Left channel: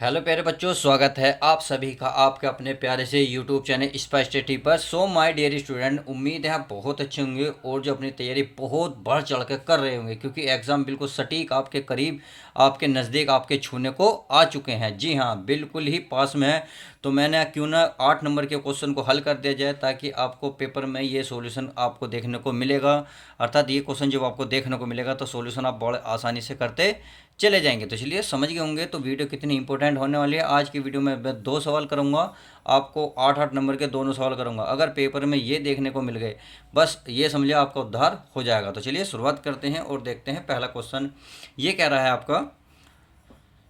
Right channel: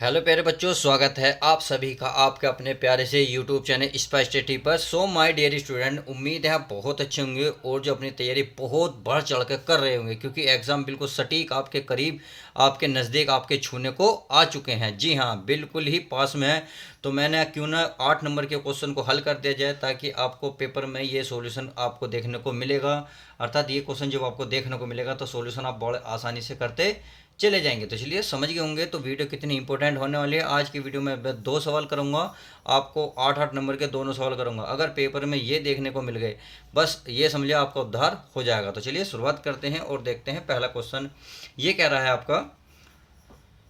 Hello प्यारे बच्चों, स्वागत है आप सभी का आपके अपने प्यारे से यूट्यूब चैनल स्पाइस स्टडी पर। सो माय डियर स्टूडेंट, उम्मीद है आप बहुत अच्छे होंगे और जो अपनी तैयारी बहुत बढ़ चढ़ कर कर रहे होंगे, क्योंकि एग्ज़ाम बिल्कुल सटीक आपके करीब, आपके नज़दीक, आपके छूने को आ चुके हैं। जी हाँ, बिल्कुल ही पास में है। तो मैंने क्यों ना 8 नंबर के क्वेश्चन को हल कर दिया जाए, ताकि आपको पेपर में ये सॉल्यूशन आपको देखने को मिलेगा। अर्थात ये क्वेश्चन जब आपको देखने को मिलेगा तो सॉल्यूशन आप बड़े आसानी से करते चले जाएंगे। तो चलिए समझ गए होंगे तो वीडियो कितनी इंपॉर्टेंट होने वाली है। आज की वीडियो में मैं 2 सवाल करूंगा, आपको 8-8 नंबर के दोनों सवाल करूंगा। अगर पेपर में ये देखने को मिल गए, बस ये समझिए आपका उद्धार हो जाएगा। तो चलिए शुरुआत करते हैं और देखते हैं पहला क्वेश्चन। ये कह रहा है आपका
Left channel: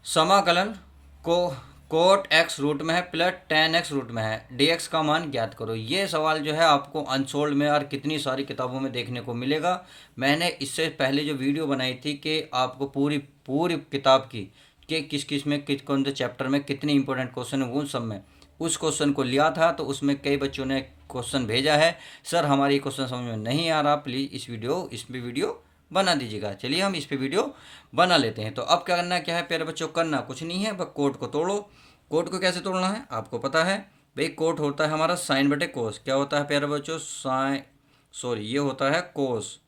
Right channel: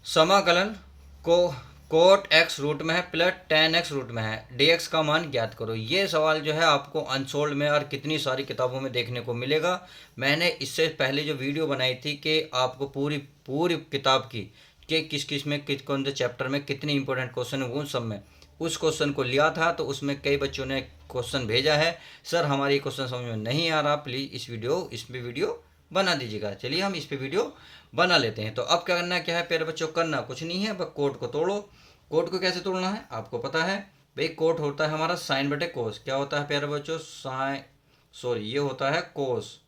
समाकलन को कोट एक्स रूट में है प्लस टेन एक्स रूट में है, डी एक्स का मान ज्ञात करो। ये सवाल जो है आपको अनसोल्ड में और कितनी सारी किताबों में देखने को मिलेगा। मैंने इससे पहले जो वीडियो बनाई थी कि आपको पूरी पूरी किताब की कि किस किस में किस कौन से चैप्टर में कितने इंपॉर्टेंट क्वेश्चन है, वो सब में उस क्वेश्चन को लिया था। तो उसमें कई बच्चों ने क्वेश्चन भेजा है, सर हमारी क्वेश्चन समझ में नहीं आ रहा, प्लीज़ इस पे वीडियो बना दीजिएगा। चलिए हम इस पे वीडियो बना लेते हैं। तो अब क्या करना, क्या है प्यारे बच्चों, करना कुछ नहीं है, बस कोड को तोड़ो। कोड को कैसे तोड़ना है आपको पता है भाई। कोड होता है हमारा साइन बटे कोस। क्या होता है प्यारे बच्चों, साइन, सॉरी ये होता है कोस।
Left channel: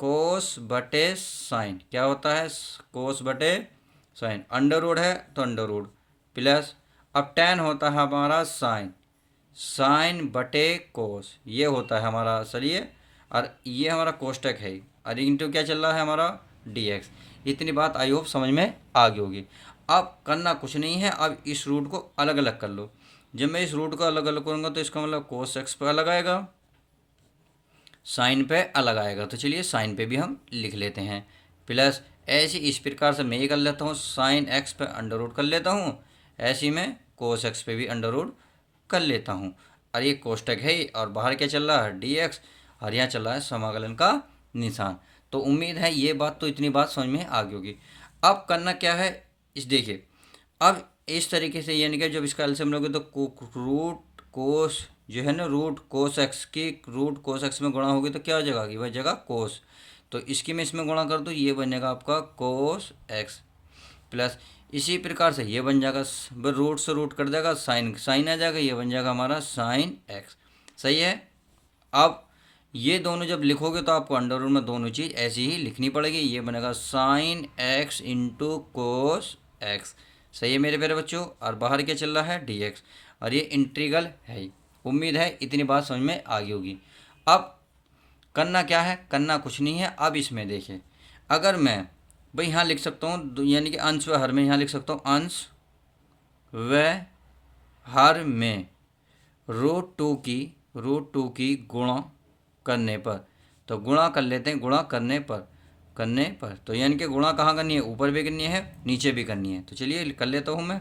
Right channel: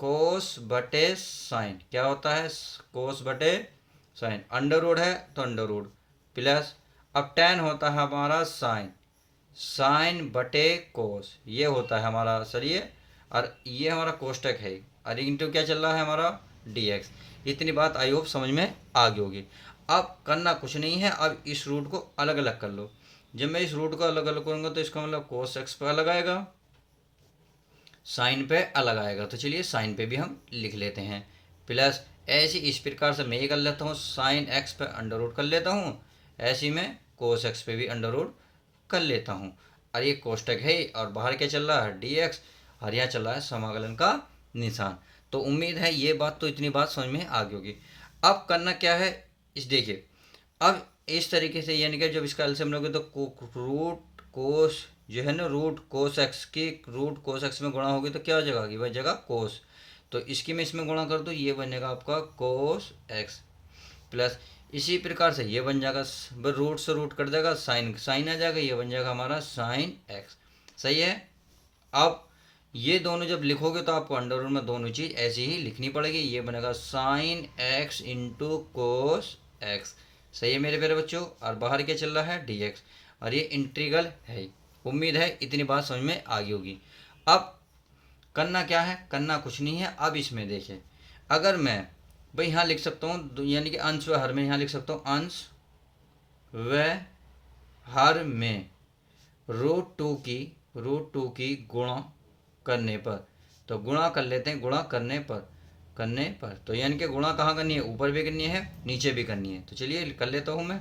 कोस बटे साइन क्या होता है, कोस बटे साइन। अंडर रूट है तो अंडर रूट प्लस, अब टेन होता है हमारा साइन, साइन बटे कोस ये होता है हमारा सर ये। और ये हमारा कोष्टक है, और इंटू क्या चल रहा है हमारा डी एक्स। इतनी बात आई होप समझ में आ गई होगी। अब करना कुछ नहीं है, अब इस रूट को अलग अलग कर लो। जब मैं इस रूट को अलग अलग करूँगा तो इसका मतलब कोस एक्स पे अलग आएगा, साइन पे अलग आएगा। तो चलिए साइन पे भी हम लिख लेते हैं प्लस। ऐसे इस प्रकार से मैं ये कर लेता हूँ, साइन एक्स पे अंडर रूट कर लेता हूँ, ऐसे में कोस एक्स पे भी अंडर रूट कर लेता हूँ। और ये कोष्टक है और बाहर क्या चल रहा है डी एक्स, और यहाँ चल रहा है समाकलन का निशान। तो उम्मीद है ये बात, तो इतनी बात समझ में आ गई होगी। अब करना क्या है, इस देखिए, अब इस तरीके से यानी कि जब इसका एलसीएम लोगे तो रूट कोस जो है ना, रूट कोस एक्स की रूट कोस एक्स में गुणा होगी तो क्या हो जाएगा कि वह जगह कोस। तो इसकी मैं इसमें गुणा कर दूँ, ये बनेगा आपका कोस एक्स प्लस, इसी प्रकार से ये बन जाएगा, रूट से रूट कट जाएगा, साइन साइन आ जाएगा, ये बन जाएगा हमारा साइन एक्स। सही है। अब ये दोनों जब लिखोगे तो आपको अंडर रूट में दोनों चीज़ ऐसी ही लिखनी पड़ेगी। ये बनेगा sign x into cos x. सही है मेरे प्यारे बच्चों। और बाहर क्या चल रहा है डी एक्स, और ये इंटीग्रल है। उम्मीद है इतनी बात समझ में आ गई होगी। अब करना क्या है, करना कुछ नहीं है। अब इसमें देखिए, अगर मैं भाई यहाँ लिख सकता हूँ, यानी कि अंश व हर में यहाँ लिख सकता हूँ, अंश व हर में रूट टू की गुणा करने पर। तो गुणा कर लेते हैं, गुणा करने पर तो यानी कि गुणा कहाँ करनी है, ऊपर भी करनी है नीचे भी करनी है। तो चलिए कर लेता हूँ मैं,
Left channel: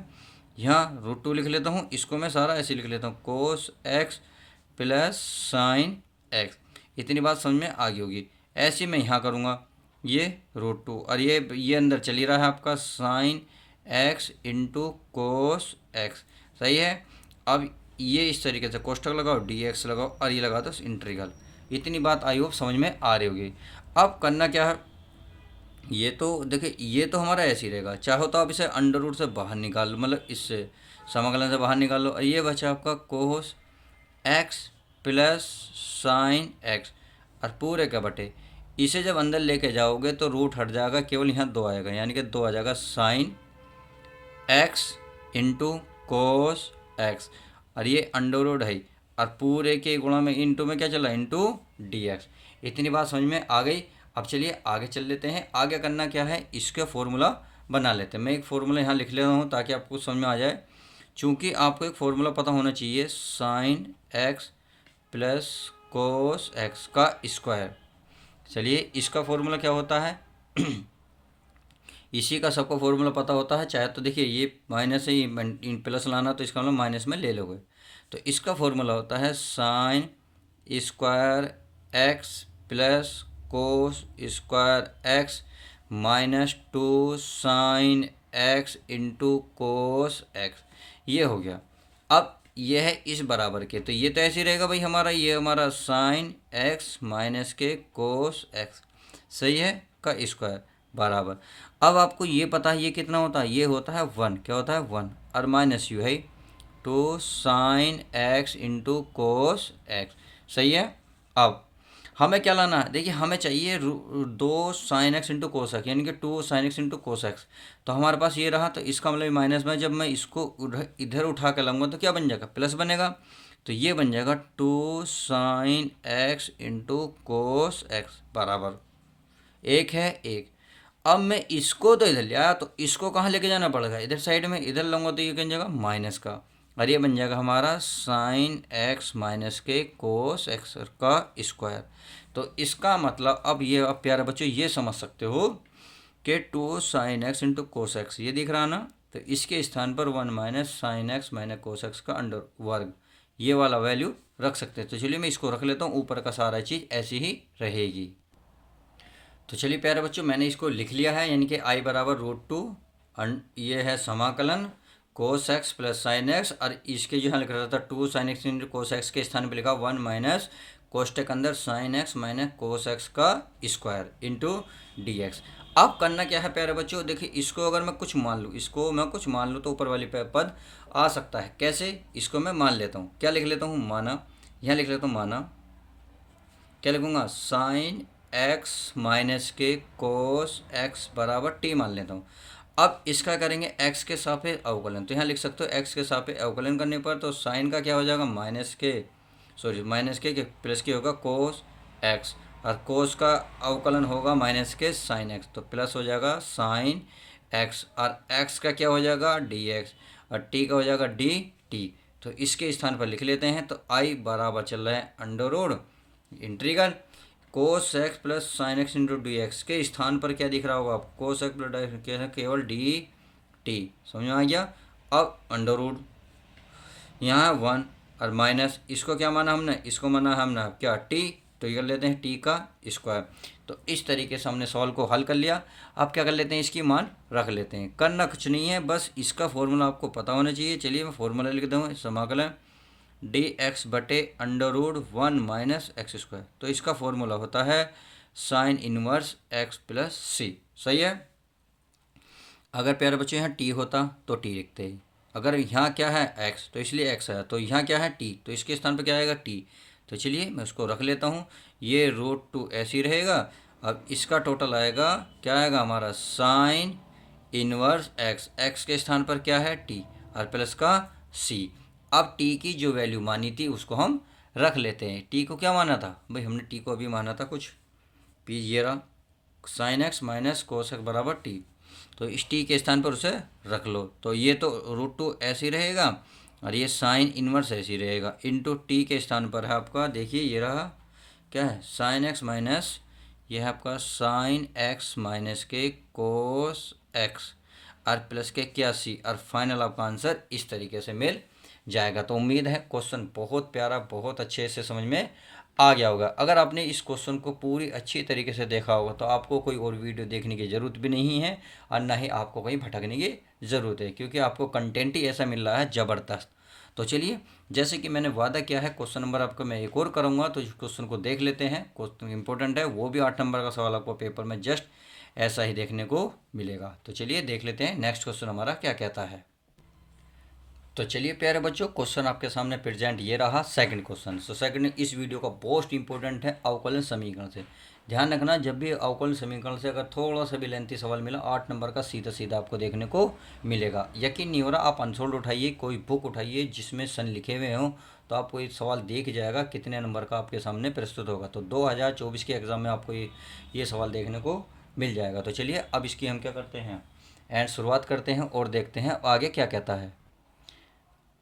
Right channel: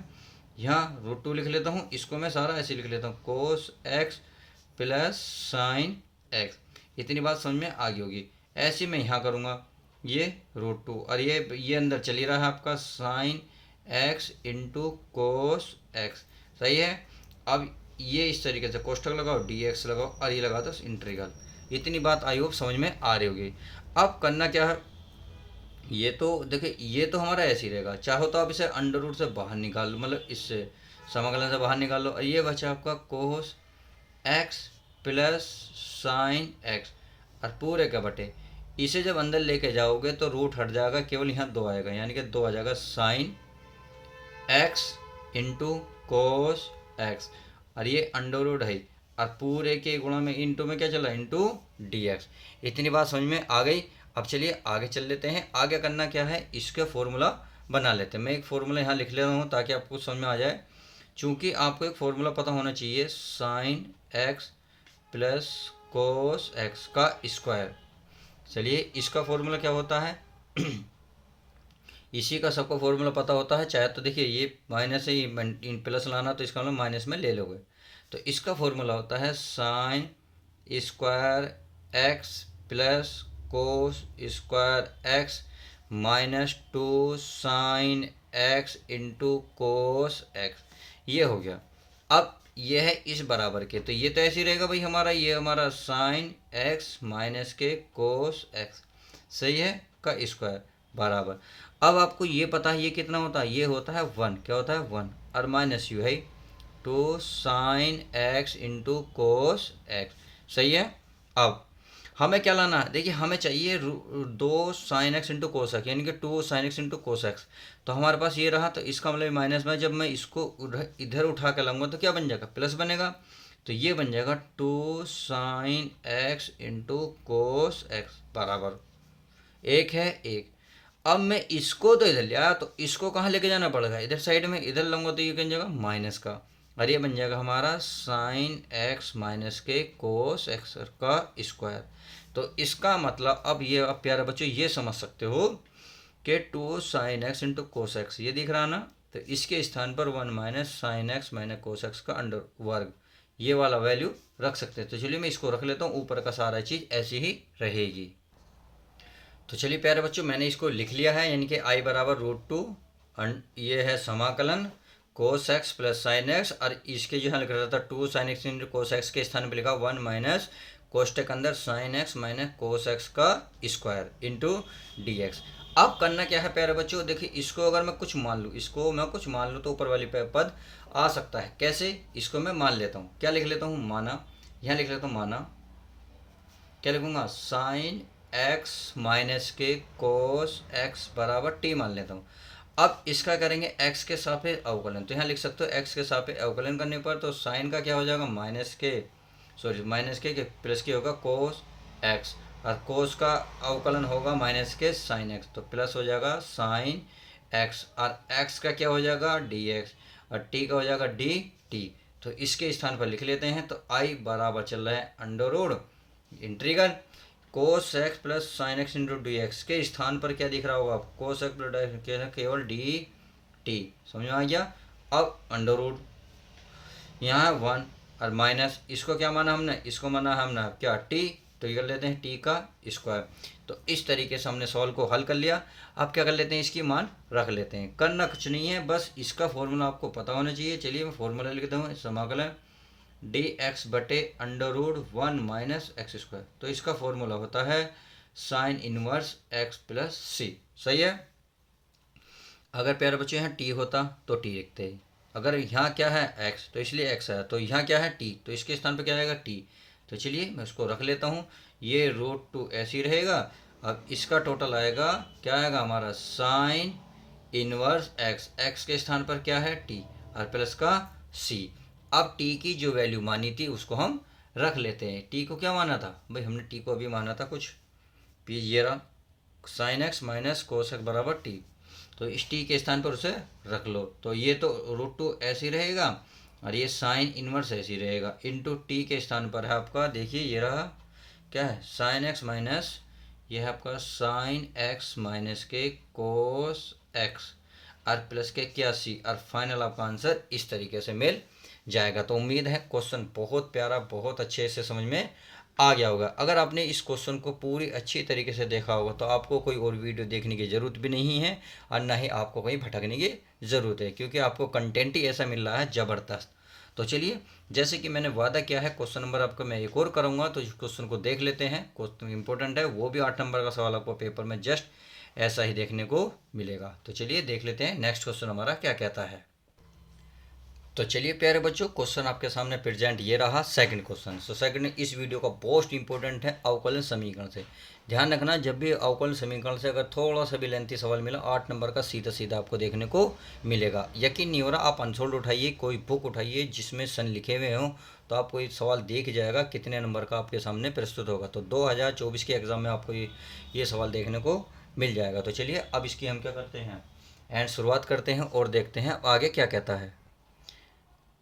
यहाँ रूट 2 लिख लेता हूँ, इसको मैं सारा ऐसे लिख लेता हूँ, कोस एक्स प्लस साइन एक्स। इतनी बात समझ में आ गई होगी। ऐसे मैं यहाँ करूँगा, ये रूट 2 और ये अंदर चली रहा है आपका sign x into cos x. सही है। अब ये इस तरीके से कोष्टक लगाओ, डी एक्स लगाओ, और ये लगा दो इंटीग्रल। इतनी बात आई होप समझ में आ रही होगी। अब करना क्या है, ये तो देखिए ये तो हमारा ऐसे ही रहेगा, चाहो तो आप इसे अंडर रूट से बाहर निकाल लो, मतलब इससे समाकलन से बाहर निकाल लो, और ये बचा आपका कोस एक्स प्लस साइन एक्स, और पूरे का बटे। इसे जब अंदर लेके जाओगे तो रूट हट जाएगा, केवल यहाँ 2 आएगा, यानी कि 2 आ जाएगा sign x into cos x, और ये अंडर रूट है, और पूरे के गुणा में इंटू में क्या चला, इंटू डी एक्स। इतनी बात समझ में आ गई। अब चलिए आगे चल लेते हैं। आगे करना क्या है, इसके फॉर्मूला बना लेते हैं। मैं एक फार्मूला यहाँ लिख ले रहा हूँ ताकि आपको समझ में आ जाए। चूँकि आपको एक फार्मूला पता होना चाहिए, sine x plus cos x का स्क्वायर। चलिए इसका फॉर्मूला क्या होता है इसी का सबको फॉर्मूला पता होता है। चाहे तो देखिए ये माइनस से इन प्लस लाना, तो इसका मतलब माइनस में ले लोगे। तो इसका फॉर्मूला होता है sine square x plus cos square x minus 2 sign x into cos x. ये हो गया। अब ये है इस बराबर के, तो ये तो ऐसे ही रहेगा भाई हमारा, ये हमारा साइन एक्स माइनस के कोस एक्स, सही है, का स्क्वायर बराबर। अब आपको ये पता है ये कितना होता है, ये होता है 1, क्या होता है 1, और माइनस यू है two sine x into cos x, सही है। अब हमें क्या लाना है, देखिए हमें चाहिए 2 sin x into cos x, यानी कि 2 sin x into cos x. तो हमारे पास ये रहा, तो इसका मतलब माइनस में जब मैं इसको इधर उठा के लाऊंगा तो क्या बन जाएगा, प्लस बनेगा। तो ये बन जाएगा 2 sin x into cos x बराबर एक है एक। अब मैं इसको तो इधर ले आया, तो इसको कहाँ लेके जाना पड़ेगा, इधर साइड में, इधर लाऊंगा तो ये बन जाएगा माइनस का, और ये बन जाएगा हमारा साइन एक्स माइनस के कोस एक्स का स्क्वायर। तो इसका मतलब अब ये, अब प्यारे बच्चों ये समझ सकते हो कि 2 sin x into cos x ये दिख रहा ना, तो इसके स्थान पर 1 minus sine x minus cos x का अंडर वर्ग, ये वाला वैल्यू रख सकते हैं। तो चलिए मैं इसको रख लेता हूँ, ऊपर का सारा चीज़ ऐसी ही रहेगी। तो चलिए प्यारे बच्चों मैंने इसको लिख लिया है, यानी कि आई बराबर √2, ये है समाकलन कोस एक्स प्लस साइन एक्स, और इसके जो है लिख रहा था 2 sin x into cos x के स्थान पर लिखा 1 माइनस कोष्टक अंदर sine x minus cos x का स्क्वायर इंटू डी एक्स। अब करना क्या है प्यारे बच्चों, देखिए इसको अगर मैं कुछ मान लूँ, इसको मैं कुछ मान लूँ तो ऊपर वाली पद आ सकता है, कैसे, इसको मैं मान लेता हूँ, क्या लिख लेता हूँ, माना, यहाँ लिख लेता हूँ माना, क्या लिखूंगा, साइन एक्स माइनस के कोस एक्स बराबर टी मान लेता हूँ। अब इसका करेंगे एक्स के सापेक्ष अवकलन, तो यहाँ लिख सकते हो एक्स के सापेक्ष अवकलन करने पर तो साइन का क्या हो जाएगा, माइनस के प्लस के होगा कोस एक्स, और कोस का अवकलन होगा माइनस के साइन एक्स, तो प्लस हो जाएगा साइन एक्स, और एक्स का क्या हो जाएगा डी एक्स, और टी का हो जाएगा डी टी। तो इसके स्थान पर लिख लेते हैं, तो आई बराबर चल रहा है under root integral cos x plus sine x into d x, के स्थान पर क्या दिख रहा होगा आपको, कोस एक्स प्लस केवल डी टी, समझ में आ गया। अब अंडर रूट यहाँ 1 और माइनस, इसको क्या माना हमने, इसको माना हमने क्या टी, तो ये कर लेते हैं टी का स्क्वायर। तो इस तरीके से हमने सॉल्व को हल कर लिया। अब क्या कर लेते हैं, इसकी मान रख लेते हैं, करना कुछ नहीं है, बस इसका फॉर्मूला आपको पता होना चाहिए। चलिए मैं फॉर्मूला लिख दूँ, समाकलन डी एक्स बटे under root 1 minus x square, तो इसका फॉर्मूला होता है sine inverse x plus c, सही है। अगर प्यारे बच्चे यहाँ टी होता तो टी लिखते हैं, अगर यहाँ क्या है एक्स तो इसलिए एक्स है, तो यहाँ क्या है टी, तो इसके स्थान पर क्या आएगा टी। तो चलिए मैं उसको रख लेता हूँ, ये √2 ऐसे ही रहेगा। अब इसका टोटल आएगा, क्या आएगा हमारा साइन इनवर्स एक्स, एक्स के स्थान पर क्या है टी, और प्लस का सी। अब टी की जो वैल्यू मानी थी उसको हम रख लेते हैं, टी को क्या माना था भाई, हमने टी को अभी माना था कुछ, पी ये रहा sine x minus cos x बराबर टी, तो इस टी के स्थान पर उसे रख लो, तो ये तो √2 ऐसे ही रहेगा, और ये साइन इनवर्स ऐसे ही रहेगा, इंटू टी के स्थान पर है आपका, देखिए ये रहा क्या है साइन एक्स माइनस, ये है आपका साइन एक्स माइनस के कोस एक्स, और प्लस के 81, और फाइनल आपका आंसर इस तरीके से मिल जाएगा। तो उम्मीद है क्वेश्चन बहुत प्यारा, बहुत अच्छे से समझ में आ गया होगा। अगर आपने इस क्वेश्चन को पूरी अच्छी तरीके से देखा होगा तो आपको कोई और वीडियो देखने की ज़रूरत भी नहीं है, और ना ही आपको कहीं भटकने की ज़रूरत है, क्योंकि आपको कंटेंट ही ऐसा मिल रहा है ज़बरदस्त। तो चलिए जैसे कि मैंने वादा किया है, क्वेश्चन नंबर आपका मैं एक और करूँगा, तो इस क्वेश्चन को देख लेते हैं। क्वेश्चन इंपॉर्टेंट है, वो भी 8 नंबर का सवाल आपको पेपर में जस्ट ऐसा ही देखने को मिलेगा। तो चलिए देख लेते हैं नेक्स्ट क्वेश्चन हमारा क्या कहता है। तो चलिए प्यारे बच्चों, क्वेश्चन आपके सामने प्रेजेंट ये रहा सेकंड क्वेश्चन। सो सेकंड इस वीडियो का मोस्ट इंपॉर्टेंट है अवकलन समीकरण से। ध्यान रखना, जब भी अवकलन समीकरण से अगर थोड़ा सा भी लेंथी सवाल मिला, 8 नंबर का सीधा सीधा आपको देखने को मिलेगा। यकीन नहीं हो रहा, आप अनसोल्ड उठाइए, कोई बुक उठाइए जिसमें सन लिखे हुए हों, तो आपको ये सवाल देख जाएगा कितने नंबर का आपके सामने प्रस्तुत होगा। तो 2024 के एग्ज़ाम में आपको ये सवाल देखने को मिल जाएगा। तो चलिए अब इसकी हम क्या करते हैं, एंड शुरुआत करते हैं और देखते हैं आगे क्या कहता है।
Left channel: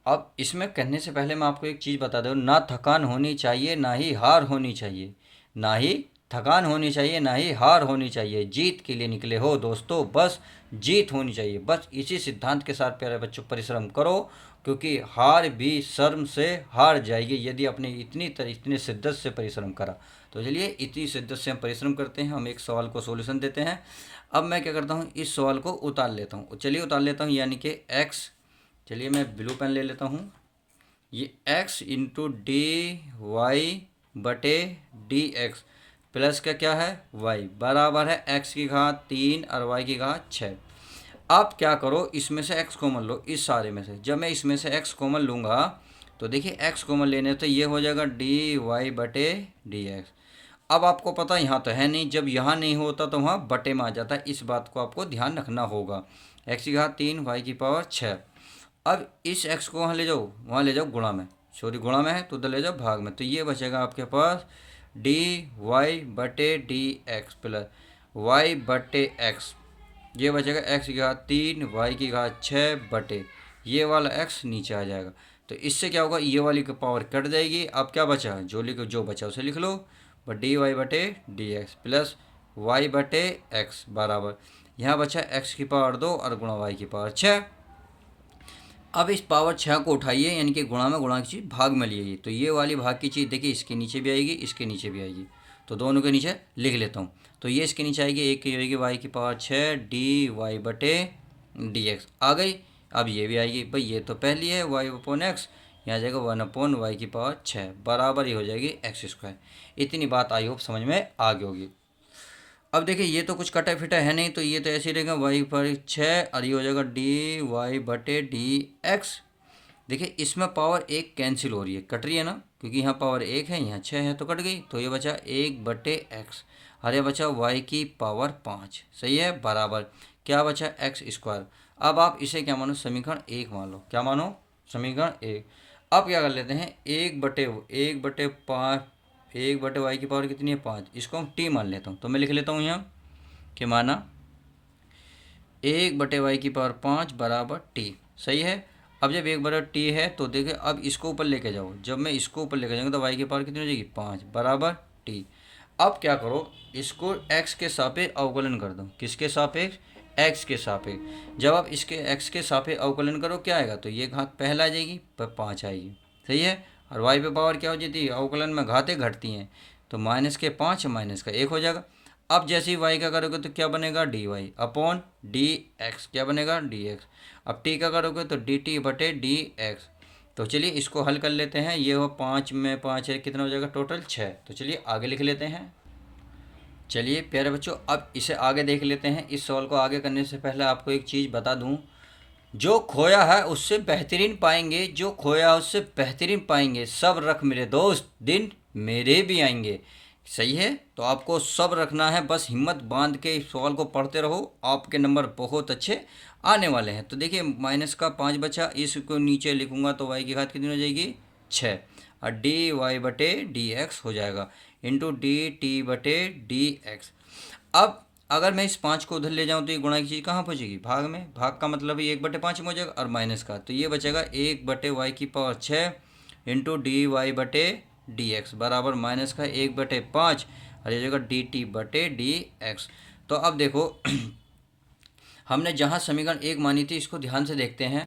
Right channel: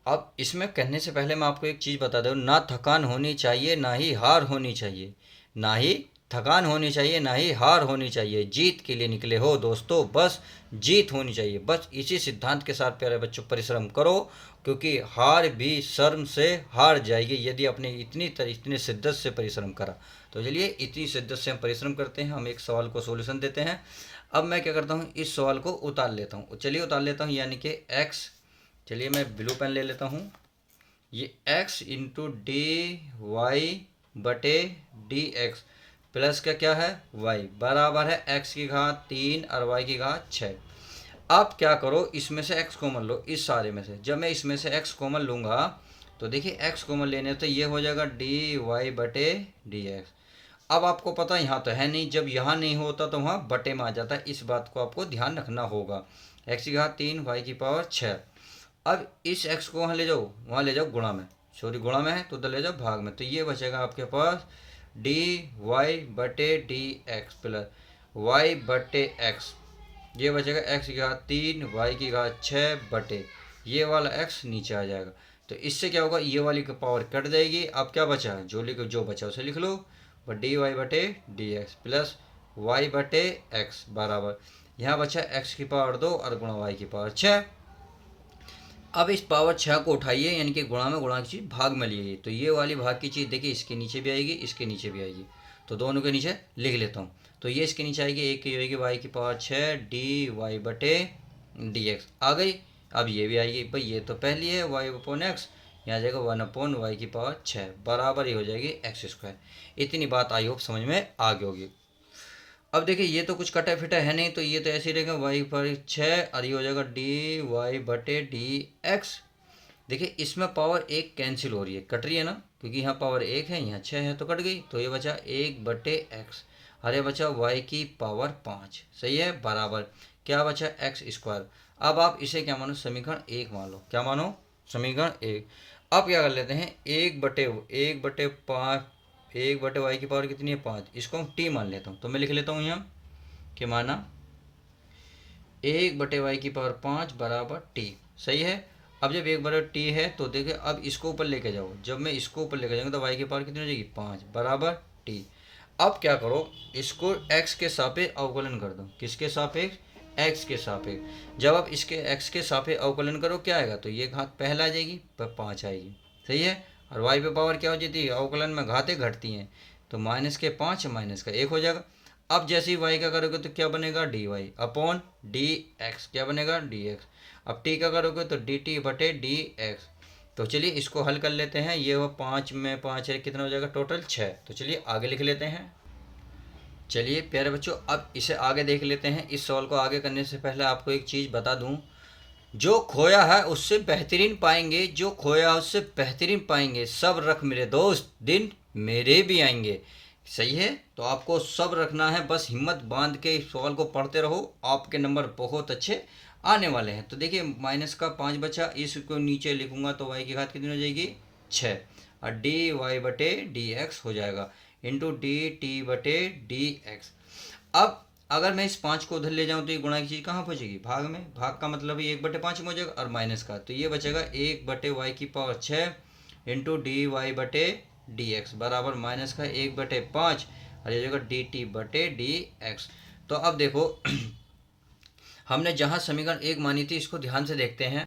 अब इसमें कहने से पहले मैं आपको एक चीज़ बता दूँ, ना थकान होनी चाहिए ना ही हार होनी चाहिए, ना ही थकान होनी चाहिए ना ही हार होनी चाहिए, जीत के लिए निकले हो दोस्तों, बस जीत होनी चाहिए। बस इसी सिद्धांत के साथ प्यारे बच्चों परिश्रम करो, क्योंकि हार भी शर्म से हार जाएगी यदि अपने इतनी शिद्दत से परिश्रम करा। तो चलिए इतनी शिद्दत से हम परिश्रम करते हैं, हम एक सवाल को सोल्यूशन देते हैं। अब मैं क्या करता हूँ, इस सवाल को उतार लेता हूँ, चलिए उतार लेता हूँ, यानी कि एक्स, चलिए मैं ब्लू पेन ले लेता हूँ, ये x इंटू डी वाई बटे डी एक्स प्लस का क्या है y बराबर है x की घात 3 और y की घात 6। अब क्या करो, इसमें से x कॉमन लो, इस सारे में से। जब मैं इसमें से x कॉमन लूँगा तो देखिए x कॉमन लेने तो ये हो जाएगा dy/dx। अब आपको पता यहाँ तो है नहीं, जब यहाँ नहीं होता तो वहाँ बटे में आ जाता है, इस बात को आपको ध्यान रखना होगा। x की घात 3 y की पावर 6। अब इस x को वहाँ ले जाओ गुणा में, सॉरी गुणा में है तो उधर ले जाओ भाग में, तो ये बचेगा आपके पास dy/dx प्लस y/x। ये बचेगा x की घात 3 y की घात 6 बटे ये वाला x नीचे आ जाएगा। तो इससे क्या होगा, ये वाली की पावर कट जाएगी। अब क्या बचा, जो बचा उसे लिख लो, dy/dx प्लस y/x बराबर यहाँ बचा x की पावर 2 और गुणा y की पावर 6। अब इस पावर 6 को उठाइए, यानी कि गुणा में गुणा की चीज़ भाग में लिए, तो ये वाली भाग की चीज़ देखिए इसके नीचे भी आएगी, इसके नीचे भी आएगी, तो दोनों के नीचे लिख लेता हूँ। तो ये इसके नीचे आएगी, एक की होगी y की पावर 6 dy/dx आ गई। अब ये भी आएगी, भाई ये तो पहली है y/x, यहाँ जाएगा 1/y की पावर 6 बराबर ही हो जाएगी x²। इतनी बात आई होप समझ में आ गई होगी। अब देखिए ये तो कुछ कटा फिटा है नहीं, तो ये तो ऐसे ही रहेगा y/6 और ये हो जाएगा dy/dx। देखिए इसमें पावर 1 कैंसिल हो रही है, कट रही है ना, क्योंकि यहाँ पावर 1 है, यहाँ 6 है तो कट गई, तो ये बचा 1/x और ये बचा y की पावर 5, सही है, बराबर क्या बचा x²। अब आप इसे क्या मानो, समीकरण 1 मान लो। क्या मानो, समीकरण 1। अब क्या कर लेते हैं, 1/5 1/y की पावर कितनी है 5, इसको हम t मान लेता हूँ, तो मैं लिख लेता हूँ यहाँ कि माना 1/y की पावर 5 बराबर t, सही है। अब जब 1/t है तो देखिए अब इसको ऊपर लेके जाओ, जब मैं इसको ऊपर लेके जाऊँगा तो y की पावर कितनी हो जाएगी 5 बराबर t। अब क्या करो, इसको x के सापेक्ष अवकलन कर दो, किसके सापेक्ष, x के सापेक्ष। जब आप इसके x के सापेक्ष अवकलन करो क्या आएगा, तो ये घात पहला आ जाएगी पर 5 आएगी, सही है। और y पे पावर क्या हो जाती है, अवकलन में घातें घटती हैं, तो -5 -1 हो जाएगा। अब जैसे ही y का करोगे तो क्या बनेगा dy/dx, क्या बनेगा dx। अब t का करोगे तो dt/dx। तो चलिए इसको हल कर लेते हैं, ये हो 5 में 5 है, कितना हो जाएगा टोटल 6। तो चलिए आगे लिख लेते हैं। चलिए प्यारे बच्चों अब इसे आगे देख लेते हैं। इस सवाल को आगे करने से पहले आपको एक चीज़ बता दूं, जो खोया है उससे बेहतरीन पाएंगे, जो खोया है उससे बेहतरीन पाएंगे, सब रख मेरे दोस्त दिन मेरे भी आएंगे, सही है। तो आपको सब रखना है, बस हिम्मत बांध के इस सवाल को पढ़ते रहो, आपके नंबर बहुत अच्छे आने वाले हैं। तो देखिए -5 बचा, इसको नीचे लिखूंगा तो y की घात कितनी हो जाएगी 6 और dy/dx हो जाएगा इंटू dt/dx। अब अगर मैं इस 5 को उधर ले जाऊं तो ये गुणा की चीज़ कहाँ पहुँचेगी, भाग में। भाग का मतलब है 1/5 में हो जाएगा और माइनस का, तो ये बचेगा 1/y की पावर 6 इंटू dy/dx बराबर माइनस का 1/5 और ये जाएगा dt/dx। तो अब देखो हमने जहाँ समीकरण 1 मानी थी इसको ध्यान से देखते हैं।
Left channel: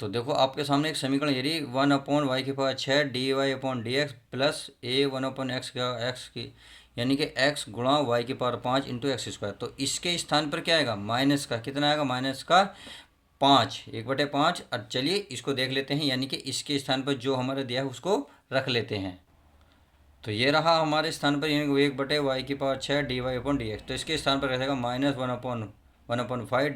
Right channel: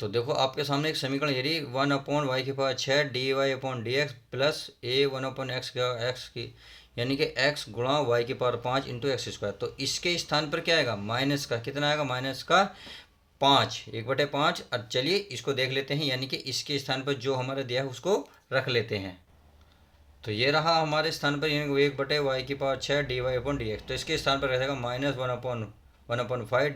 तो देखो आपके सामने एक समीकरण ये रही 1/y की पावर 6 dy/dx प्लस a1/x का x की, यानी कि x गुणा y की पावर 5 इंटू x²। तो इसके स्थान पर क्या आएगा, माइनस का कितना आएगा, -5 1/5। अब चलिए इसको देख लेते हैं, यानी कि इसके स्थान पर जो हमारा दिया है उसको रख लेते हैं। तो ये रहा हमारे स्थान पर, यानी 1/y की पावर 6 dy/dx। तो इसके स्थान पर रहेगा -1/5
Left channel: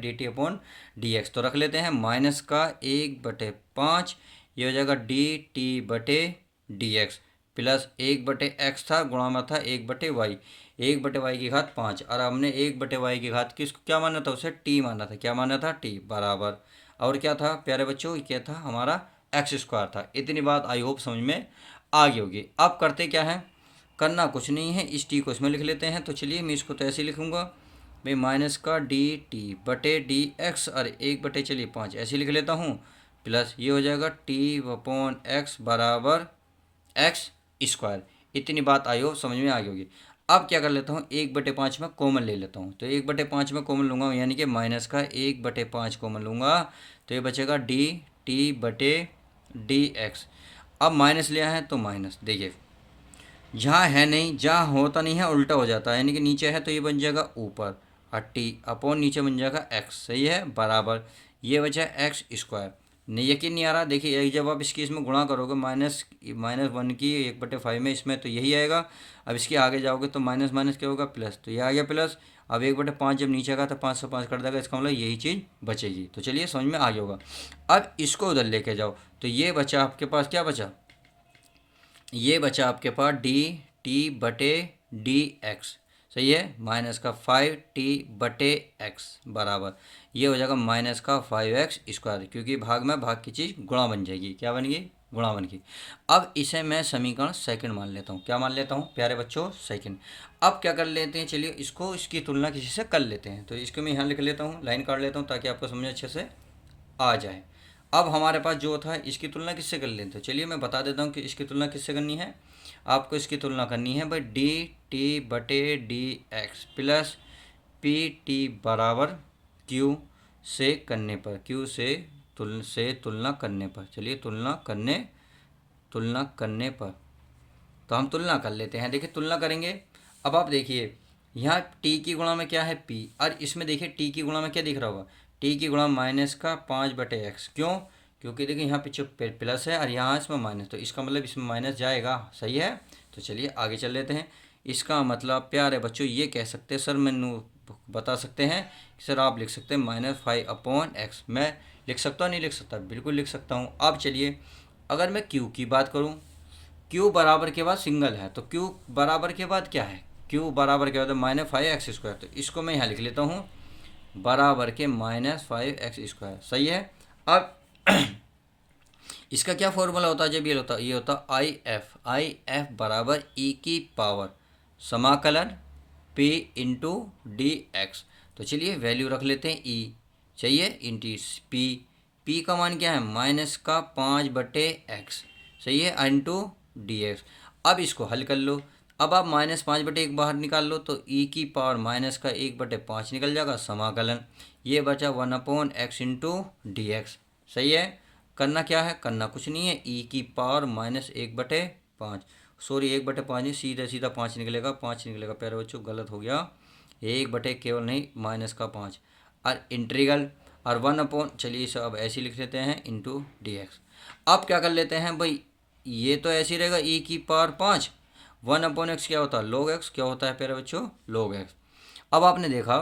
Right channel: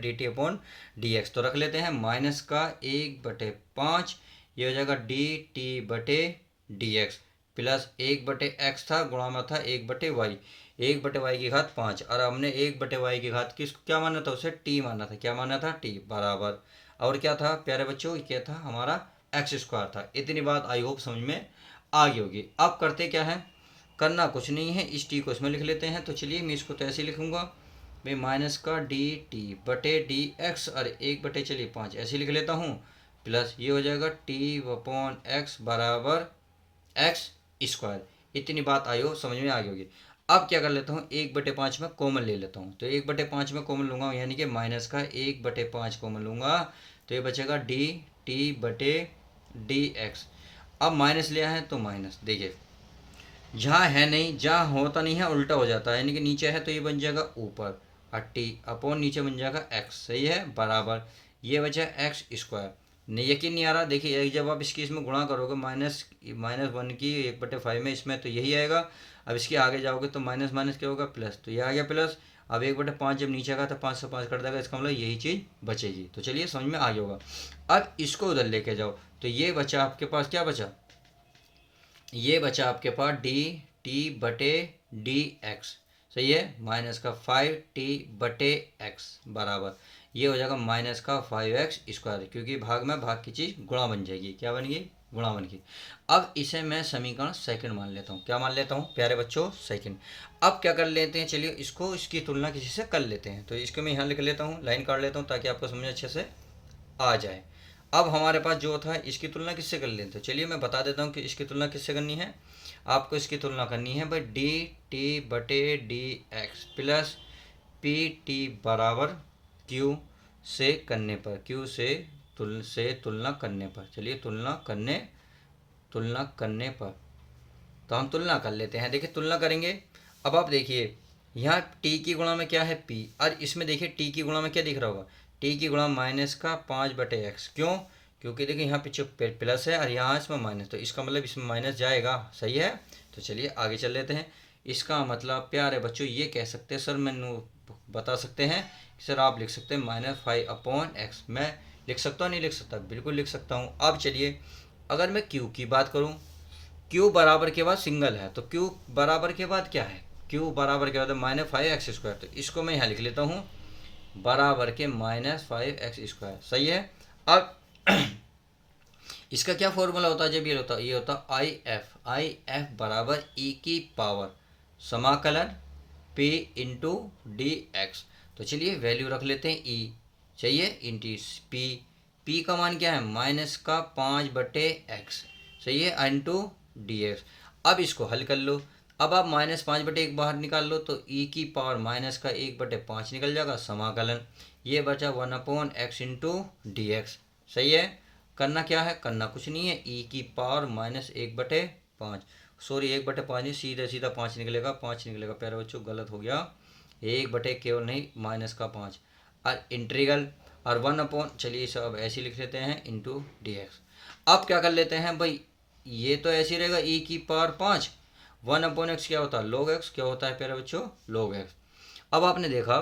dt/dx। तो रख लेते हैं माइनस का 1/5, ये हो जाएगा dt/dx प्लस 1/x था, गुणा में था 1/y, 1/y की घात 5 और हमने 1/y की घात किसको क्या माना था, उसे t माना था। क्या माना था, t बराबर, और क्या था प्यारे बच्चों, क्या था हमारा x² था। इतनी बात आई होप समझ में आ गई होगी। अब करते क्या है, करना कुछ नहीं है, इस t को इसमें लिख लेते हैं। तो चलिए मैं इसको तो ऐसे लिखूँगा, मैं माइनस का dt/dx और 1/5 ऐसे लिख लेता हूँ, प्लस ये हो जाएगा t/x बराबर x²। इतनी बात आई हो समझ में आ गई होगी। अब क्या कर लेता हूँ, 1/5 में कॉमन ले लेता हूँ, तो 1/5 में कॉमन लूँगा, यानी कि माइनस का 1/5 कॉमन लूँगा, तो ये बचेगा dt/dx। अब माइनस लिया है तो माइनस, देखिए जहाँ है नहीं, जहाँ होता नहीं है उल्टा हो जाता है, यानी कि नीचे है तो ये बन जाएगा ऊपर और t अपॉन नीचे बन जाएगा x, सही है, बराबर ये बचा x²। नहीं, यकीन नहीं आ रहा। देखिए एक जब आप इसकी इसमें गुणा करोगे माइनस माइनस वन की 1/5 में, इसमें तो यही आएगा। अब इसके आगे जाओगे तो माइनस माइनस क्या होगा, प्लस, तो ये आ गया प्लस। अब 1/5 जब नीचे का तो 5 से 5 कट जाएगा, इसका मतलब यही चीज़ बचेगी। तो चलिए समझ में आ गया होगा। अब इसको उधर लेके जाओ तो ये बचा आपके पास, क्या बचा, ये बचा आपके पास dt/dx। सही है, माइनस का 5t/x बराबर ये हो जाएगा माइनस का 5x², क्योंकि भाग में भाग की चीज़ गुणा बन जाएगी। क्या बन गई, गुणा बन गई। अब इसे मैं समीकरण सेकंड मान लेता हूँ। क्या मान लेता हूँ प्यारे बच्चों, सेकंड। अब क्या कर लेते हैं, चलिए इसको इसकी तुलना किसी से कर लेते हैं। तो इसको मैं यहाँ लिख लेता हूँ, लाइन काट लेता हूँ ताकि आपको समझ अच्छे से आ जाए। अब हमारे पास जो था इसकी तुलना किससे कर लें, तो चलिए मैं बता देता हूँ कि इसकी तुलना किससे करनी है। आपको इसकी तुलना करनी है भाई dt/dx प्लस pt बराबर q से करने पर, q से तुलना करने पर। चलिए तुलना करने पर तो हम तुलना कर लेते हैं। देखिए तुलना करेंगे। अब आप देखिए यहाँ t की गुणा में क्या है p, और इसमें देखिए t की गुणा में क्या दिख रहा होगा, t की गुणा माइनस का 5/x। क्यों, क्योंकि देखिए यहाँ पीछे प्लस है और यहाँ इसमें माइनस, तो इसका मतलब इसमें माइनस जाएगा। सही है, तो चलिए आगे चल लेते हैं। इसका मतलब प्यारे बच्चों ये कह सकते हैं, सर मैंने बता सकते हैं सर, आप लिख सकते हैं -5/x। मैं लिख सकता हूँ, नहीं लिख सकता, बिल्कुल लिख सकता हूँ। अब चलिए अगर मैं q की बात करूँ, q बराबर के बाद सिंगल है, तो q बराबर के बाद क्या है, q बराबर के बाद -5x²। तो इसको मैं यहाँ लिख लेता हूँ बराबर के -5x²। सही है। अब इसका क्या फॉर्मूला होता है, जब ये होता आई एफ बराबर ई की पावर समाकलन p इंटू डी एक्स। तो चलिए वैल्यू रख लेते हैं ई, चाहिए इंटू p का मान क्या है, माइनस का 5/x। सही है, इंटू डी एक्स। अब इसको हल कर लो। अब आप -5/1 बाहर निकाल लो तो ई की पावर माइनस का 1/5 निकल जाएगा, समाकलन ये बचा 1/x इंटू डी एक्स। सही है, करना क्या है, करना कुछ नहीं है, ई की पावर -1/5, सॉरी 1/5 नहीं, सीधा सीधा 5 निकलेगा, 5 निकलेगा प्यारे बच्चों, गलत हो गया, 1/ केवल नहीं माइनस का 5, और इंटीग्रल और 1/, चलिए इसे अब ऐसे लिख लेते हैं इंटू डी एक्स। अब क्या कर लेते हैं भाई, ये तो ऐसे ही रहेगा ई की पावर 5, 1/x क्या होता है log x, क्या होता है प्यारे बच्चों log x। अब आपने देखा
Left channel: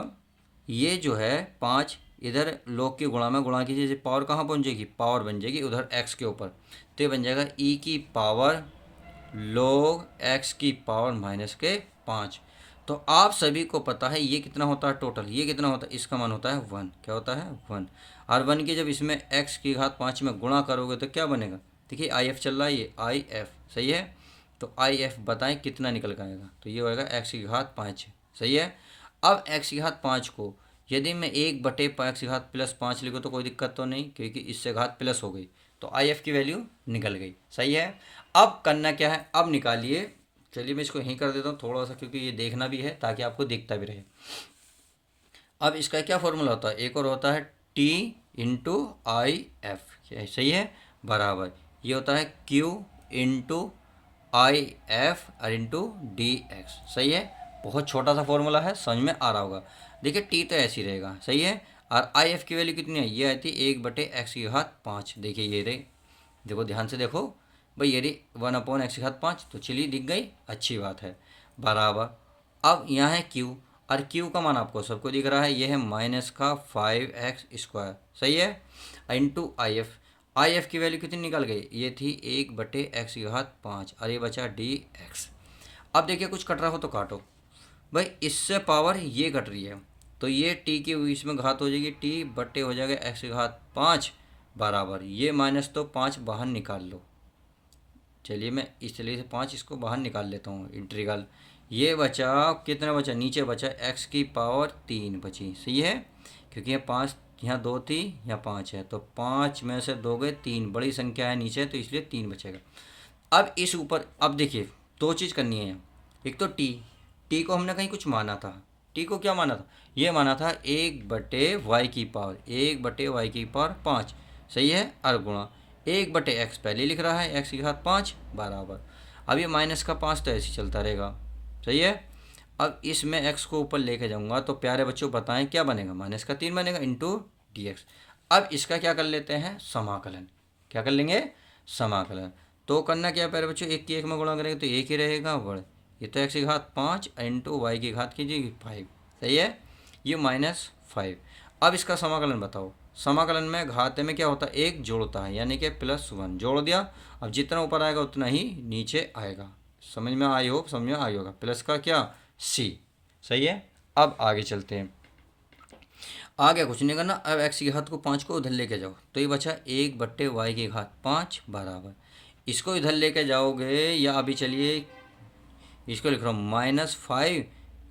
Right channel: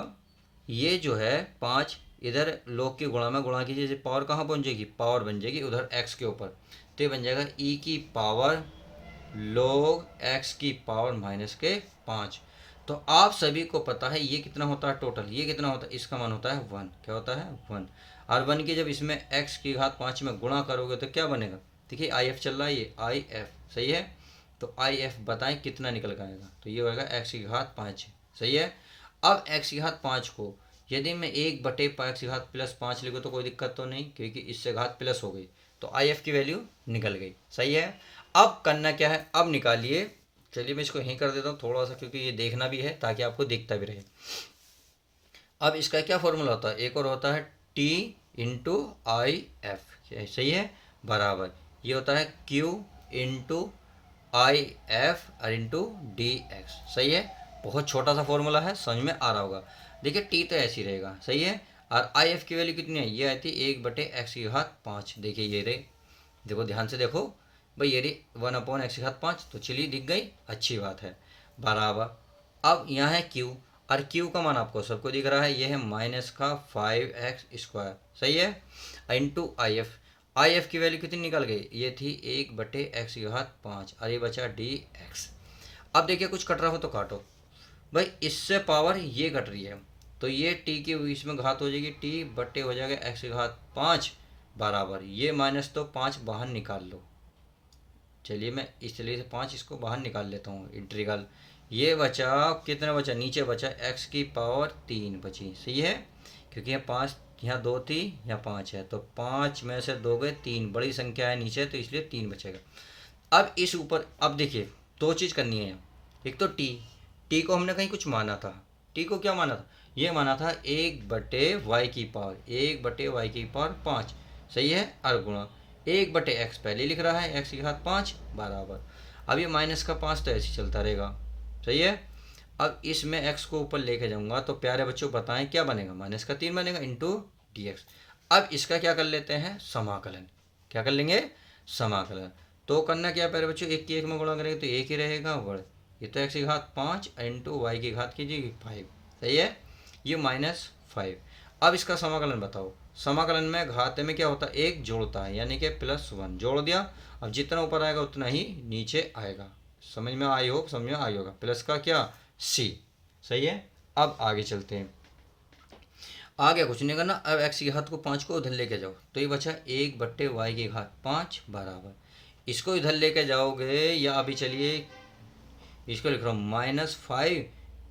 ये जो है 5 इधर log की गुणा में गुणा कीजिए, पावर कहाँ पहुँच जाएगी, पावर बन जाएगी उधर x के ऊपर, तो ये बन जाएगा e की पावर log x की पावर -5। तो आप सभी को पता है ये कितना होता है टोटल, ये कितना होता है, इसका मान होता है 1। क्या होता है 1, और 1 की जब इसमें x की घात 5 में गुणा करोगे तो क्या बनेगा, देखिए आई एफ चल रहा है, ये आई एफ। सही है, तो आई एफ बताएं कितना निकल के आएगा, तो ये होगा x की घात 5। सही है। अब x की घात 5 को यदि मैं 1/x की घात +5 लिखूँ तो कोई दिक्कत तो नहीं, क्योंकि इससे घात प्लस हो गई, तो आई एफ की वैल्यू निकल गई। सही है। अब करना क्या है, अब निकालिए। चलिए मैं इसको यहीं कर देता हूँ थोड़ा सा, क्योंकि ये देखना भी है ताकि आपको दिखता भी रहे। अब इसका क्या फॉर्मूला होता है, एक और होता है t इंटू आई एफ। सही है, बराबर ये होता है q इंटू आई एफ और इंटू डी एक्स। सही है, बहुत छोटा सा फॉर्मूला है, समझ में आ रहा होगा। देखिए टी तो ऐसे ही रहेगा। सही है, और आई एफ की वैल्यू कितनी है, ये आती है 1/x की घात 5। देखिए ये रही, देखो ध्यान से देखो भाई, ये रही 1/x की घात 5, तो चलिए दिख गई, अच्छी बात है, बराबर। अब यहाँ है q, और q का मान आपको सबको दिख रहा है, ये है माइनस का 5x²। सही है, इंटू आई एफ की वैल्यू कितनी निकल गई, ये थी 1/x की घात 5, और ये बचा डी एक्स। अब देखिए कुछ कट रहा हो तो काटो भाई, इससे पावर ये कट रही है, तो ये टी की इसमें घात हो जाएगी, टी बट्टे हो जाएगा x की घात 5 बराबर, ये माइनस तो 5 बाहर निकाल लो। चलिए मैं इस तरीके से 5 इसको बाहर निकाल लेता हूँ, इंटीग्रल ये बचा, कितना बचा, नीचे बचा x की पावर 3 बची। सही है, क्योंकि यहाँ 5, यहाँ 2 थी, यहाँ 5 है, तो 5 में से 2 गए 3, बड़ी संख्या है नीचे, तो इसलिए 3 बचेगा। अब इस ऊपर, अब देखिए 2 चीज़ करनी है, एक तो टी को हमने कहीं कुछ माना था, टी को क्या माना था, ये माना था 1/y की पावर, 1/y की पावर 5। सही है, और गुणा 1/x पहले लिख रहा है, x की घात 5 बराबर, अब ये माइनस का 5 तो ऐसे चलता रहेगा। सही है, अब इसमें x को ऊपर लेके जाऊंगा तो प्यारे बच्चों बताएं क्या बनेगा, -3 बनेगा इंटू डी एक्स। अब इसका क्या कर लेते हैं, समाकलन। क्या कर लेंगे, समाकलन। तो करना क्या प्यारे बच्चों, एक की एक में गुणा करेंगे तो एक ही रहेगा वर्ग। ये तो एक्स की घात 5 इंटू वाई की घात कीजिए 5, सही है। ये -5। अब इसका समाकलन बताओ। समाकलन में घाते में क्या होता है, एक जोड़ता है, यानी कि +1 जोड़ दिया। अब जितना ऊपर आएगा उतना ही नीचे आएगा। समझ में आई हो, समझ में आई होगा। प्लस का क्या, सी, सही है। अब आगे चलते हैं। आगे कुछ नहीं करना। अब एक्स की घात को 5 को उधर लेके जाओ तो ये बचा 1/y की घात 5 बराबर, इसको इधर लेके जाओगे या अभी चलिए इसको लिख रहा हूँ -5,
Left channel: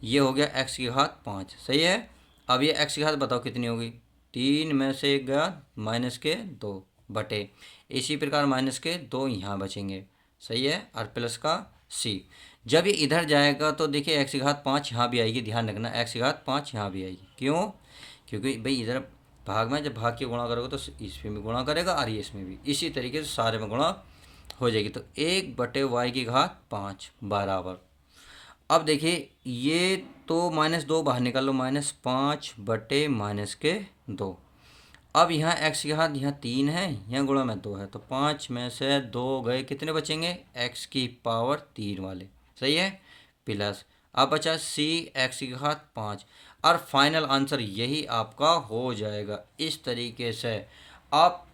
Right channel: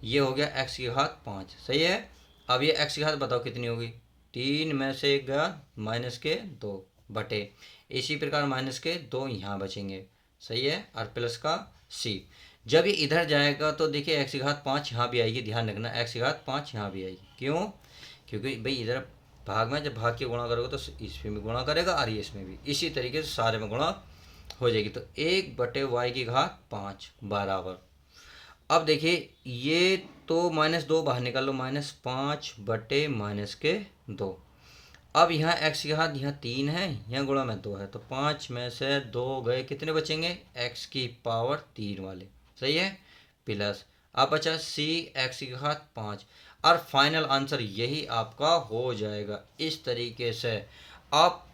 ये हो गया एक्स की घात 5, सही है। अब ये एक्स की घात बताओ कितनी होगी, 3 में से 1 गया -2 बटे, इसी प्रकार -2 यहाँ बचेंगे, सही है। और प्लस का सी। जब ये इधर जाएगा तो देखिए एक्स की घात 5 यहाँ भी आएगी, ध्यान रखना एक्स की घात 5 यहाँ भी आएगी। क्यों, क्योंकि भाई इधर भाग में जब भाग के गुणा करोगे तो इसमें भी गुणा करेगा और ये इसमें भी, इसी तरीके से सारे में गुणा हो जाएगी। तो 1/y की घात 5 बराबर, अब देखिए ये तो -2 बाहर निकाल लो, -5 बटे -2। अब यहाँ एक्स की घात यहाँ 3 है, यहाँ गुणा में 2 है, तो 5 में से 2 गए, कितने बचेंगे, एक्स की पावर 3 वाले, सही है। प्लस अब बचा सी एक्स की घात 5, और फाइनल आंसर यही आपका हो जाएगा। इस तरीके से आप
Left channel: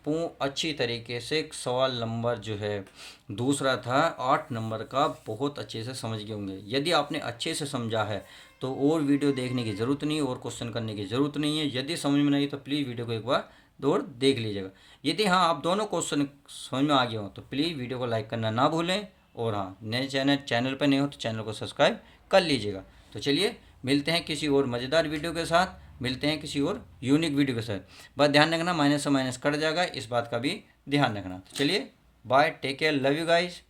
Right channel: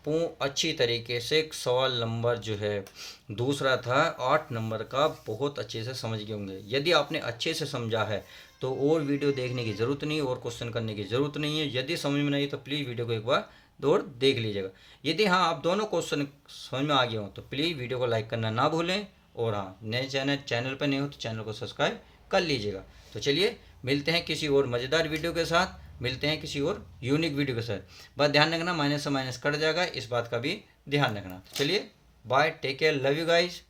अच्छी तरीके से सवाल नंबर जो है दूसरा था 8 नंबर का, बहुत अच्छे से समझ गए होंगे। यदि आपने अच्छे से समझा है तो और वीडियो देखने की ज़रूरत नहीं, और क्वेश्चन करने की ज़रूरत नहीं है। यदि समझ में नहीं तो प्लीज़ वीडियो को एक बार और देख लीजिएगा। यदि हाँ आप दोनों क्वेश्चन समझ में आ गए हो तो प्लीज़ वीडियो को लाइक करना ना भूलें, और हाँ नए चैनल पर नहीं हो तो चैनल को सब्सक्राइब कर लीजिएगा। तो चलिए मिलते हैं किसी और मज़ेदार वीडियो के साथ, मिलते हैं किसी और यूनिक वीडियो के साथ। बस ध्यान रखना माइनस से माइनस कट जाएगा, इस बात का भी ध्यान रखना। तो चलिए bye, take care, love you guys.